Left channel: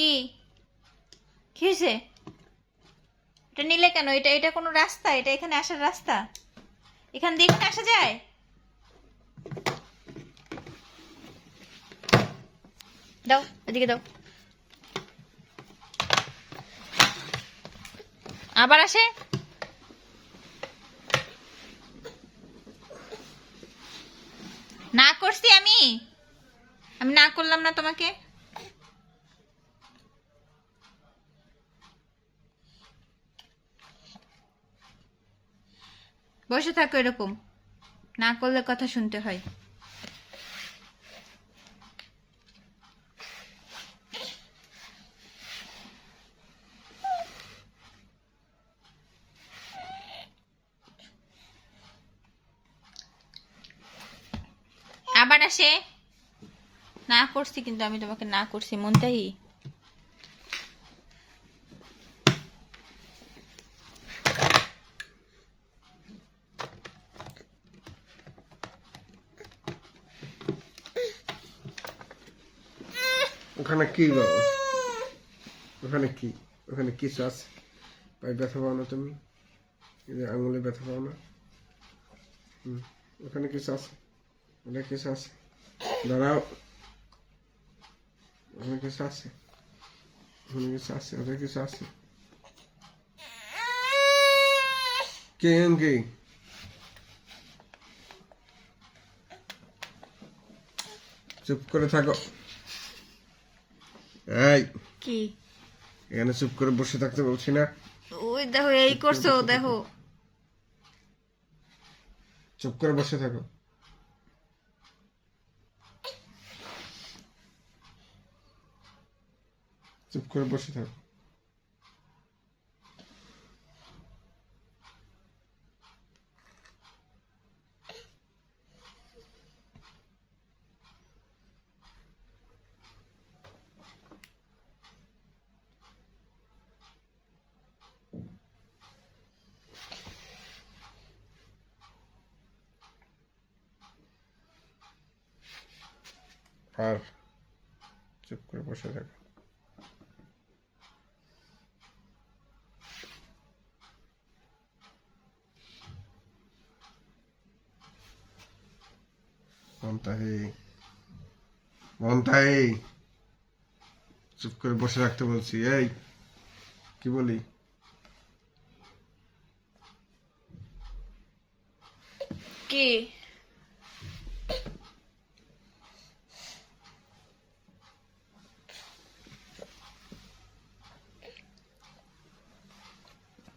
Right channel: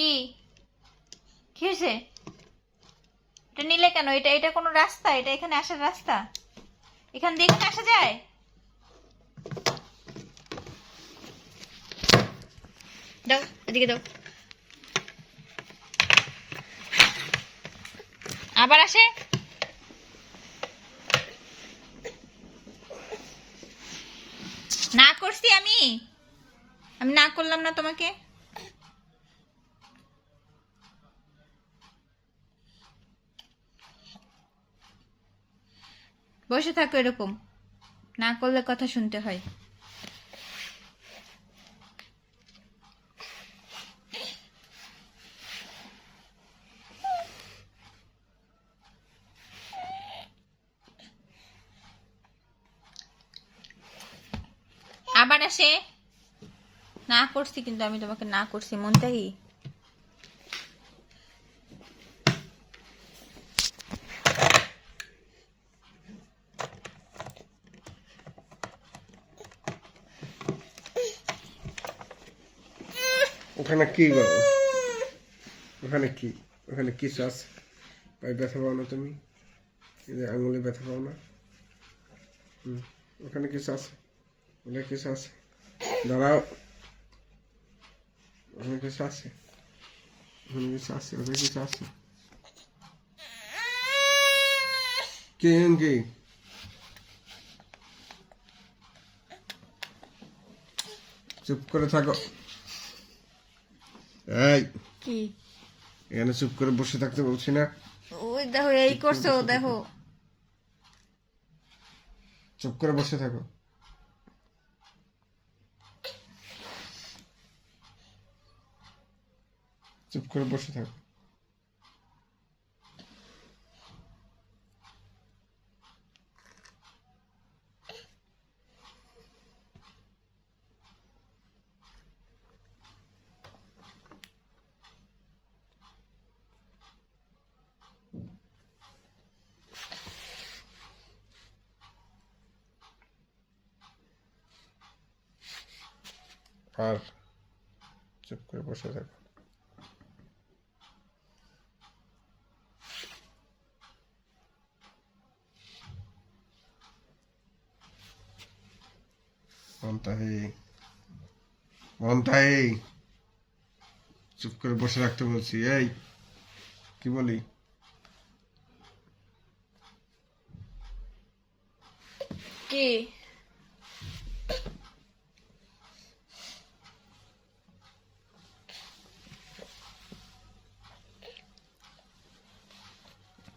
কি কি হয়েছে? এটা নিলে কেন? এটা এটা কোনো রাস্তা? এটা এখানে আসার রাস্তা? এখান দিয়ে এখানে আসা যায়? দাও, এদিকে দাও। আবার আসে? না করছি আমি? আমি না করলাম না তোমাকে? বসে থাকো এরকম, না করলে কথা শুনতে হয়। আবার আসে? না করছি কিন্তু আমি তোমাকে, না করছি মনটাই। ওখানে কি বাবা? ওখানে কি? ওখানে কিছু আছে? পায়ে ব্যথা পাও না তুমি? আঙুলে ব্যথা পাও না? ওখানে কিছু আছে? ওখানে কিছু আছে? দাঁড়াও। ওখানে কিছু আছে? ওখানে কিছু আছে? ওখানে কিছু আছে? কে কি? চুপ করে থাকো। এই, কি? এখানে চুপ করে বসে থাকতে বলছি না? ওই দেখো, এই করছো দেখো। চুপ করে বসে থাকো। চুপ করে বসে থাকো। আর চুপ করে বসে থাকো। মমতাহি, মমতাহি, চুপ করে বসে রাখতে বলছি। এই, কি বলি? কি?